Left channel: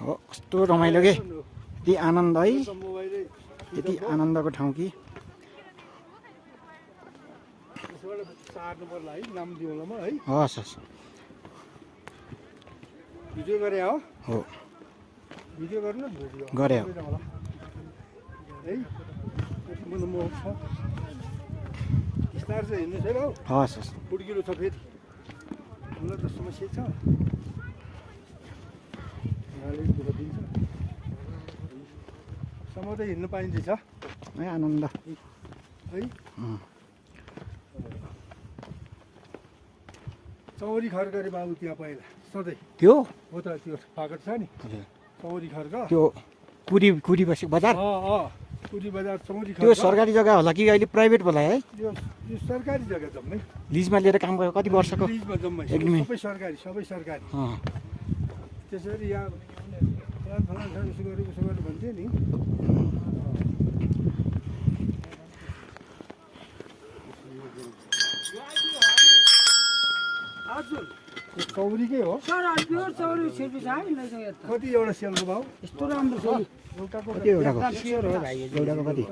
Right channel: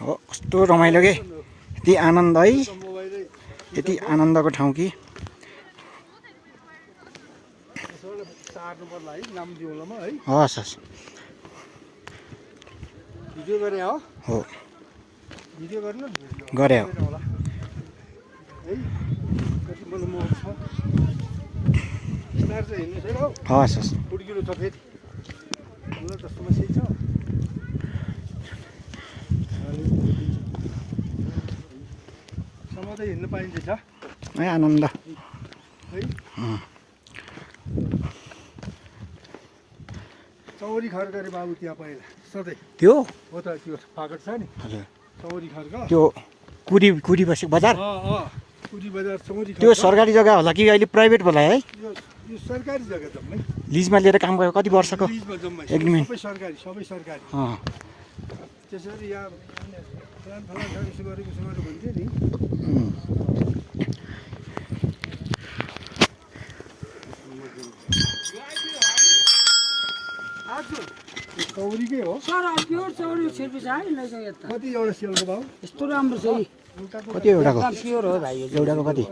हो कस्तो रमाइलो के यति आनन्द है यति आनन्दको ठाउँ कि हस् हस् भिडियो गरे हो हो भिडियो गर्नु गरे हो है कति मलाई मोह छ स्टार चाहिँ हिँड्नु फेरि हौ हस् हस् पुड्किलो छ फेरि मलाई त समस्या छ सम्म त हिँड्नु पाइन्छ है आनन्द है चौरी खर्क रे बाबु त्यहाँ पहिला सधैँ त्यो हो त त्यो फागट छ नि हजुर चौरी खर्क त्यो कुडी बसेको बजार कुदी बजार चौरी खर्क त्यो सरकारी जग्गा होला कि अहिले प्राइभेट होला है यो सरकारी जग्गा जम्मै लिजमा लिएर काम गरेको कति वर्षको लिजमा जम्मै एग्रिमेन्ट सबै सरकारी अँ त्यसरी यहाँ फलान फलान छ यसो गऱ्यो उसो गऱ्यो भन्थ्यो नि चौरीकै हो सर प्योर चौरी छेर्पी छ है नै चाहिँ यता कति एउटा सेलको भाउ यस्तो राम्रो छ कति एउटाको प्योर हो भाइ एउटाको कति